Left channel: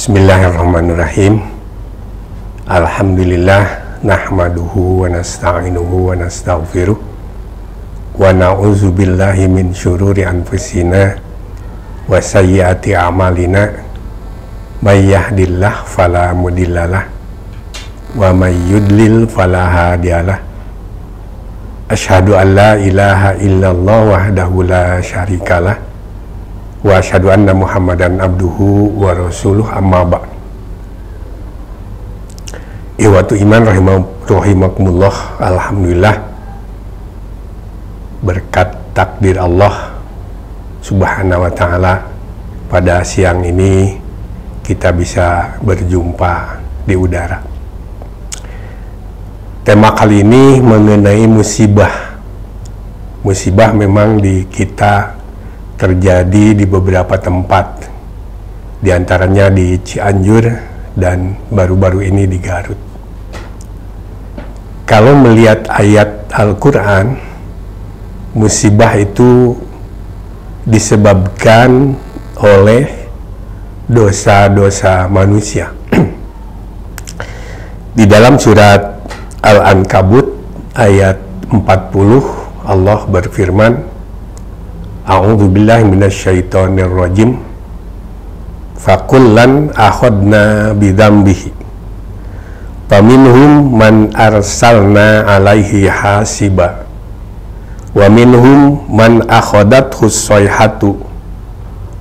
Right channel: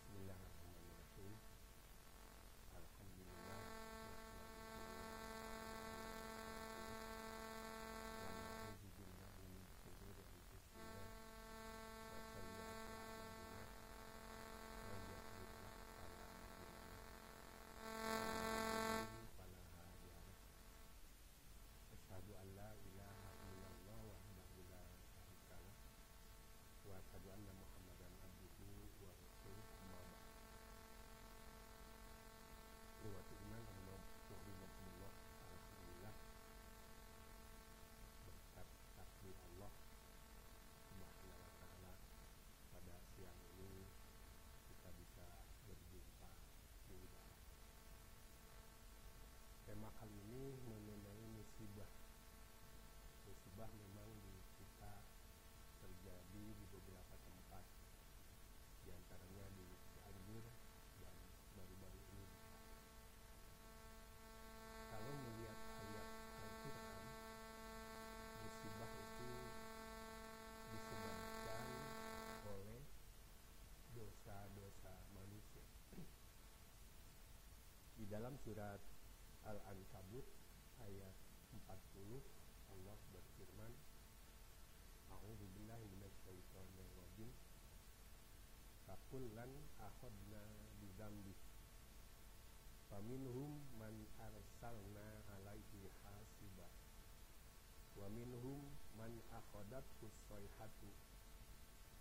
Bismillahirrahmanirrahim. Alhamdulillah nahmaduhu wa nasta'inuhu wa nastaghfiruh wa na'udzu billahi min syururi anfusina wa sayyiati a'malina may yahdihillahu fala mudhillalah wa may yudlil fala hadiyalah. Asyhadu an la ilaha illallah wahdahu la syarikalah wa asyhadu anna Muhammadan abduhu wa rasuluh, amma ba'd. Iwatu iman rahimakumullah. Alhamdulillah, berkat takdir Allah subhanahu wa ta'ala, pada siang ini kita bisa berjumpa di udara. Tema kali ini mengenai musibah. Musibah memang di kita terjadi di beberapa tempat, diantaranya di Cianjur dan baru-baru ini di Garut. Kalau melihat ayat Al-Quran, musibah itu disebabkan oleh dosa-dosa manusia. Di dalam surat Al-Ankabut ayat 40, Allah berfirman, A'udzubillahi minasyaitonirrajim. Fakullan akhadna bidzambihi. Faminhum man arsalna alaihi hasiba. Wa minhum man akhadathu sayhatu.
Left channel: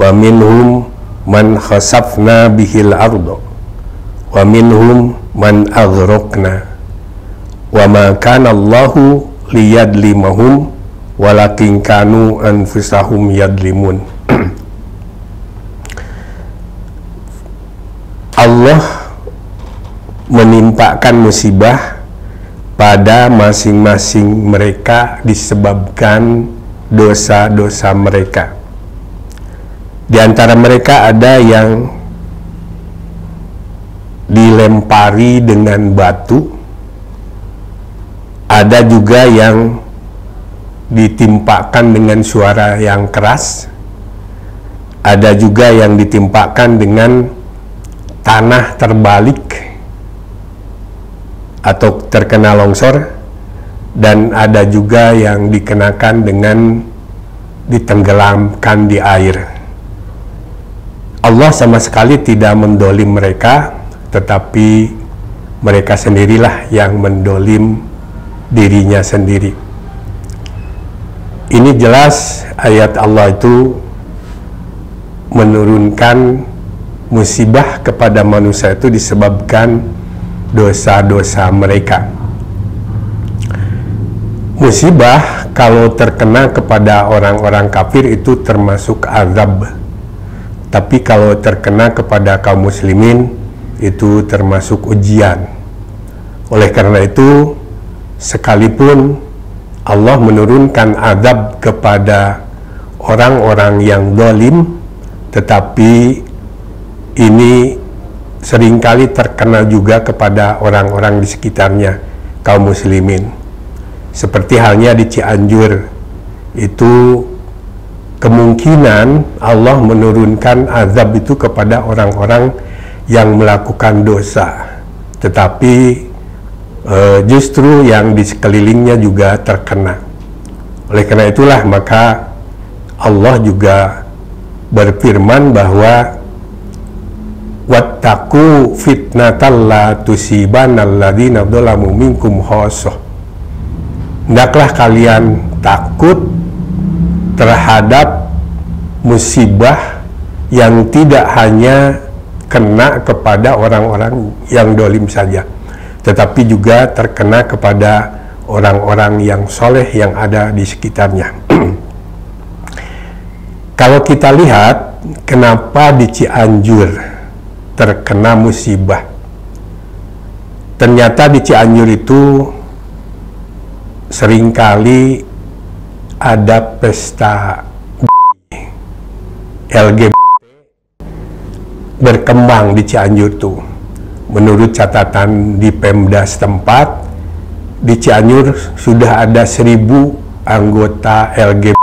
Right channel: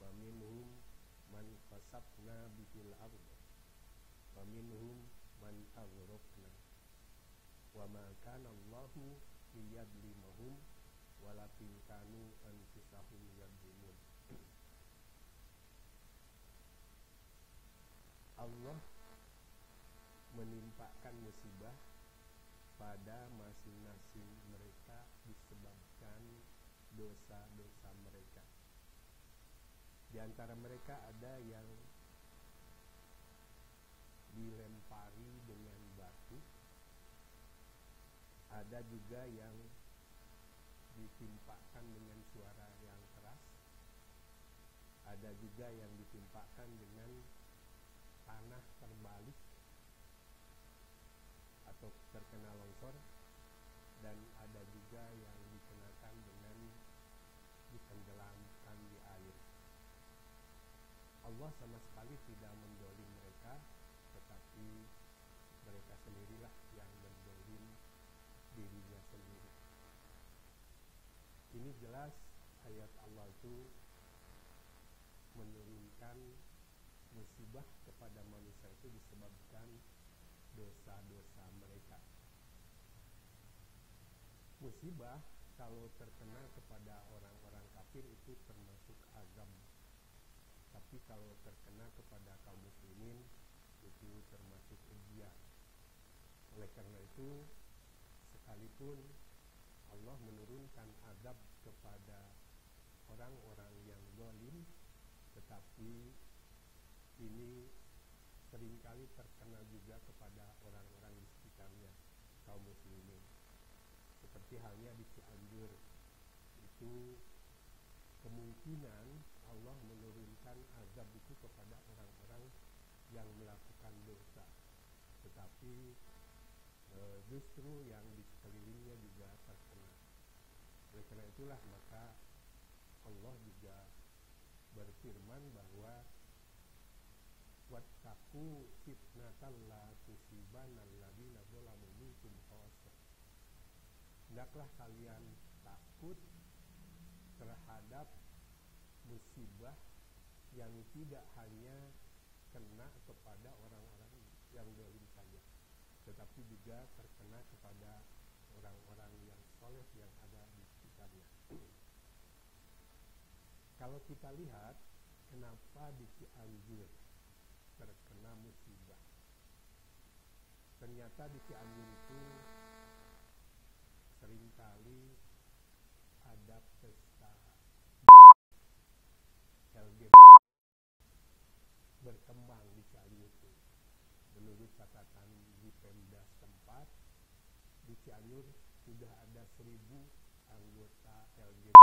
Wa minhum man khasafna bihil ardo. Wa minhum man aghraqna. Wa ma kana Allahu liyadlimahum walakin kanu anfusahum yadlimun. Allah menimpakan musibah pada masing-masing mereka disebabkan dosa-dosa mereka. Di antara mereka ada yang dilempari dengan batu, ada juga yang ditimpakan dengan suara yang keras, ada juga yang ditimpakan dengan tanah terbalik atau terkena longsor, dan ada juga yang dikenakan dengan ditenggelamkan di air. Allah sama sekali tidak mendolim mereka, tetapi mereka sendirilah yang mendolim dirinya sendiri. Ini jelas ayat Allah itu menurunkan musibah kepada manusia itu disebabkan dosa-dosa mereka. Musibah kalau terkena kepada orang-orang kafir itu termasuk azab, tapi kalau terkena kepada kaum muslimin itu termasuk ujian. Oleh karena itu, sekalipun Allah menurunkan azab kepada orang-orang yang zalim, tetapi ini seringkali terkena juga kepada orang-orang di sekitarnya, kaum muslimin. Seperti halnya di Cianjur, itu kemungkinan Allah menurunkan azab itu kepada orang-orang yang melakukan dosa, tetapi justru yang di sekelilingnya juga terkena. Oleh karena itulah maka Allah juga berfirman bahwa wattaqu fitnatal la tusibanal ladzina dzalamu minkum khassah. Hendaklah kalian takut terhadap musibah yang tidak hanya kena kepada orang-orang yang dolim saja, tetapi juga terkena kepada orang-orang yang soleh yang ada di sekitarnya. Kalau kita lihat kenapa di Cianjur terkena musibah, ternyata di Cianjur itu seringkali ada pesta LGBT berkembang di Cianjur tuh. Menurut catatan di Pemda setempat, di Cianjur sudah ada 1000 anggota LGBT.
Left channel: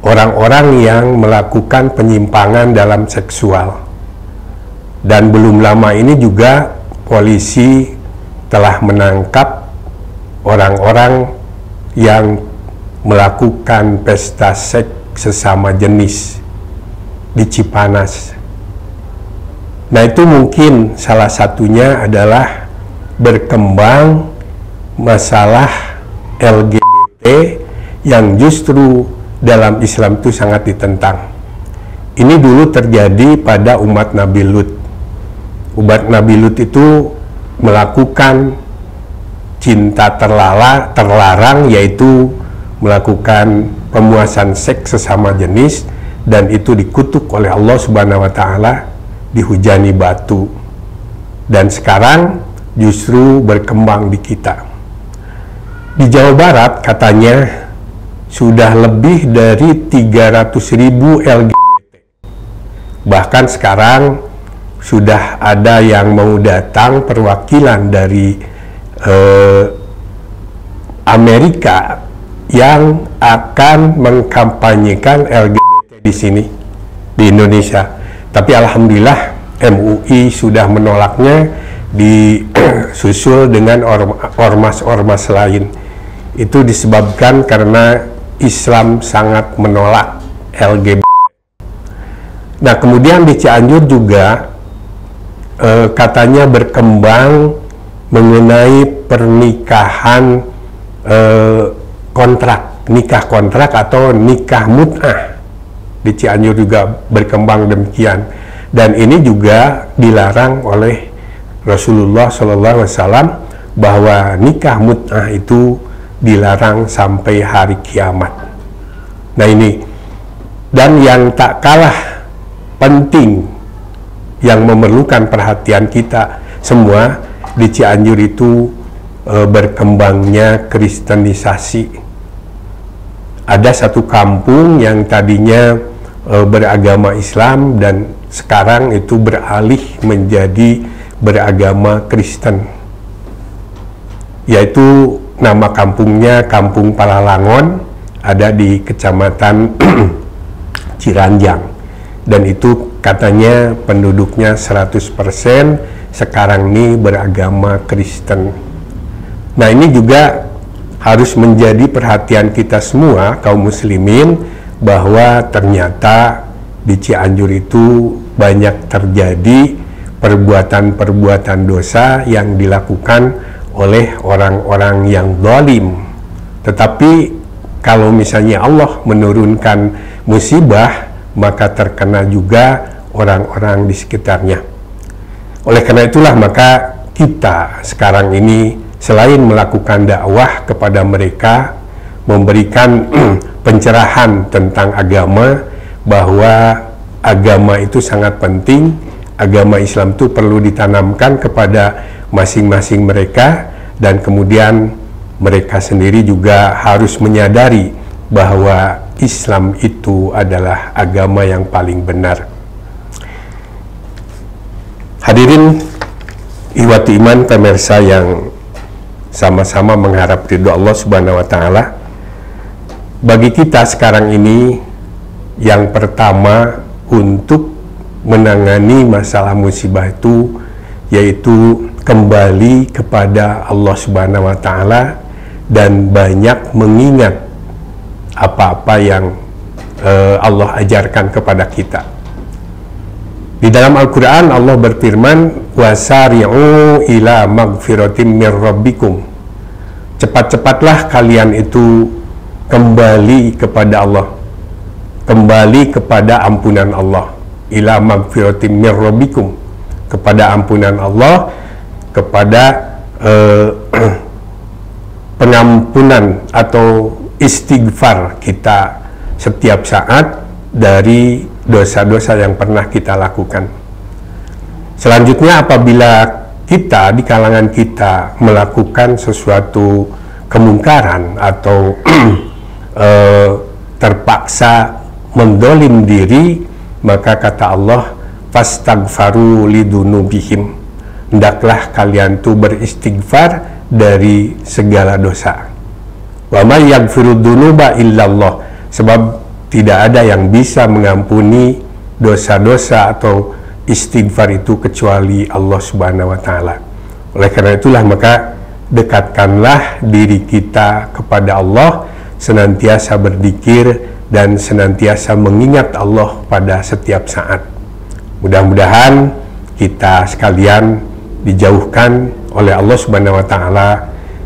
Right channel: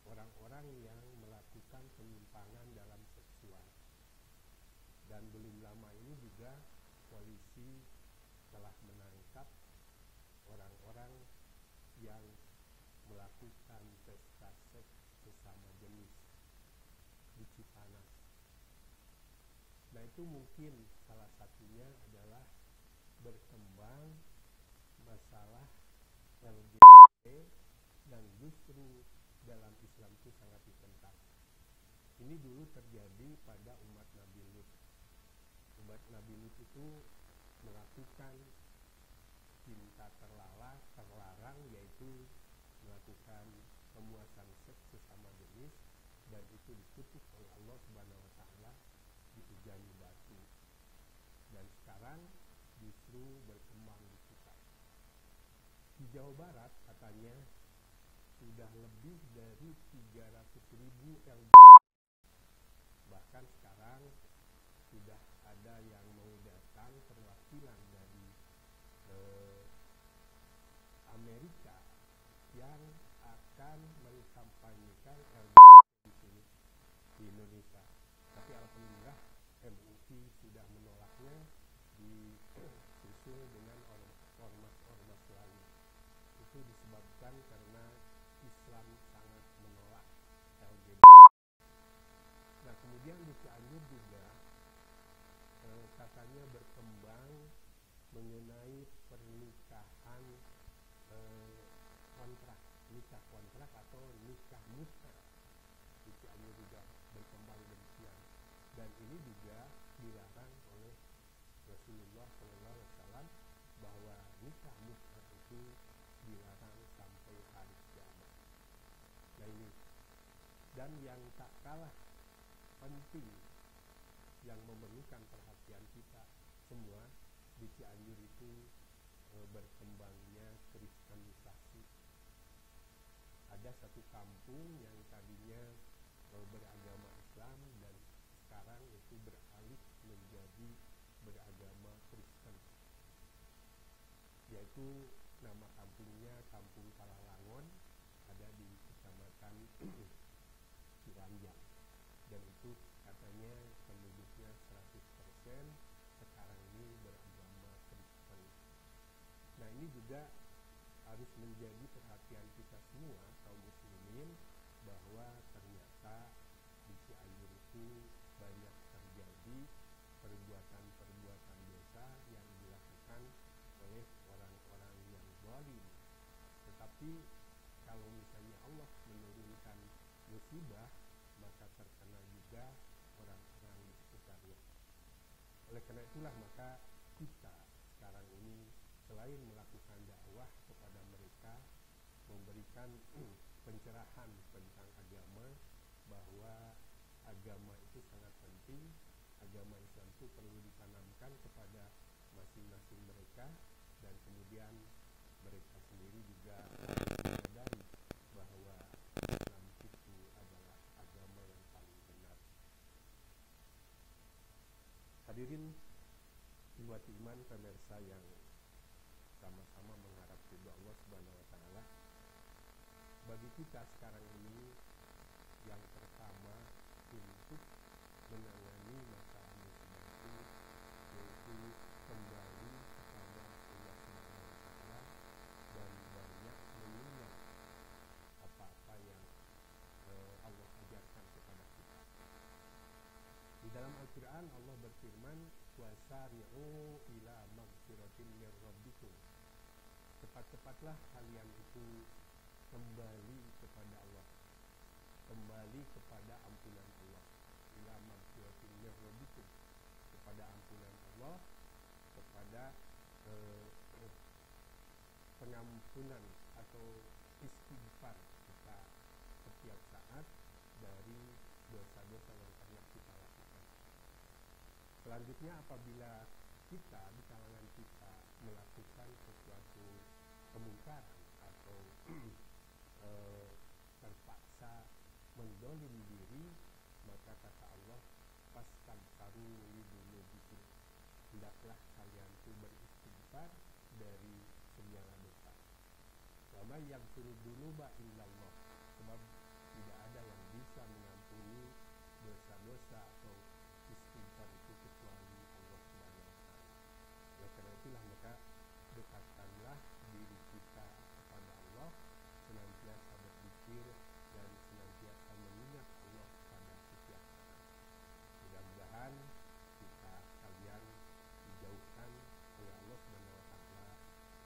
Orang-orang yang melakukan penyimpangan dalam seksual. Dan belum lama ini juga polisi telah menangkap orang-orang yang melakukan pesta seks sesama jenis di Cipanas. Nah, itu mungkin salah satunya adalah berkembang masalah LGBT yang justru dalam Islam itu sangat ditentang. Ini dulu terjadi pada umat Nabi Lut. Umat Nabi Lut itu melakukan cinta terlarang, yaitu melakukan pemuasan seks sesama jenis, dan itu dikutuk oleh Allah Subhanahu wa Ta'ala, dihujani batu. Dan sekarang justru berkembang di kita. Di Jawa Barat katanya sudah lebih dari 300.000 LGBT. Bahkan sekarang sudah ada yang mau datang perwakilan dari Amerika yang akan mengkampanyekan LGBT di sini, di Indonesia. Tapi alhamdulillah MUI sudah menolaknya, disusul dengan ormas-ormas lain. Itu disebabkan karena Islam sangat menolak LGBT. Nah, kemudian di Cianjur juga katanya berkembang mengenai pernikahan nikah kontrak atau nikah mut'ah. Di Cianjur juga berkembang demikian, dan ini juga dilarang oleh Rasulullah SAW, bahwa nikah mut'ah itu dilarang sampai hari kiamat. Nah, ini, dan yang tak kalah penting yang memerlukan perhatian kita semua, di Cianjur itu berkembangnya kristenisasi. Ada satu kampung yang tadinya beragama Islam dan sekarang itu beralih menjadi beragama Kristen, yaitu nama kampungnya Kampung Palalangon, ada di Kecamatan Ciranjang, dan itu katanya penduduknya 100% sekarang ini beragama Kristen. Nah, ini juga harus menjadi perhatian kita semua kaum muslimin, bahwa ternyata di Cianjur itu banyak terjadi perbuatan-perbuatan dosa yang dilakukan oleh orang-orang yang zalim. Tetapi kalau misalnya Allah menurunkan musibah, maka terkena juga orang-orang di sekitarnya. Oleh karena itulah maka kita sekarang ini selain melakukan dakwah kepada mereka, memberikan pencerahan tentang agama, bahwa agama itu sangat penting, agama Islam itu perlu ditanamkan kepada masing-masing mereka, dan kemudian mereka sendiri juga harus menyadari bahwa Islam itu adalah agama yang paling benar. Hadirin ihwati iman, pemirsa yang sama-sama mengharap ridho Allah Subhanahu wa Ta'ala, bagi kita sekarang ini, yang pertama untuk menangani masalah musibah itu yaitu kembali kepada Allah Subhanahu wa Ta'ala dan banyak mengingat apa-apa yang Allah ajarkan kepada kita. Di dalam Al-Quran Allah berfirman, wasari'u ila magfiratim mir rabbikum, cepat-cepatlah kalian itu kembali kepada Allah, kembali kepada ampunan Allah, ila magfiratim mir rabbikum, kepada ampunan Allah, kepada pengampunan atau istighfar kita setiap saat dari dosa-dosa yang pernah kita lakukan. Selanjutnya, apabila kita di kalangan kita melakukan sesuatu kemungkaran atau terpaksa mendolim diri, maka kata Allah, fastaghfaru lidunubihim, hendaklah kalian tuh beristighfar dari segala dosa. Wa may yaghfiru dzunuba illallah, sebab tidak ada yang bisa mengampuni dosa-dosa atau istighfar itu kecuali Allah Subhanahu wa Ta'ala. Oleh karena itulah maka dekatkanlah diri kita kepada Allah, senantiasa berzikir dan senantiasa mengingat Allah pada setiap saat. Mudah-mudahan kita sekalian dijauhkan oleh Allah Subhanahu wa Ta'ala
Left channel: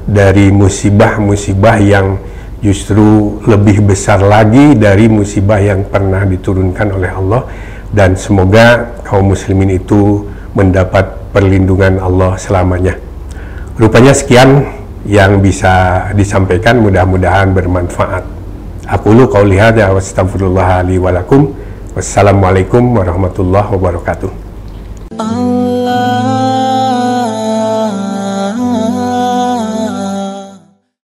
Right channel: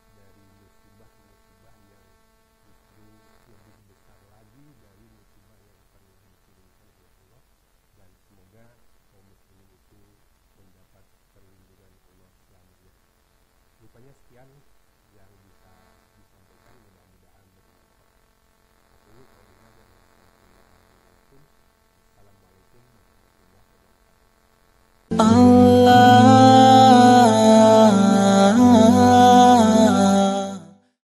dari musibah-musibah yang justru lebih besar lagi dari musibah yang pernah diturunkan oleh Allah, dan semoga kaum muslimin itu mendapat perlindungan Allah selamanya. Rupanya sekian yang bisa disampaikan, mudah-mudahan bermanfaat. Aqulu qauli hadza wa astaghfirullah li wa lakum. Wassalamualaikum warahmatullahi wabarakatuh. Allah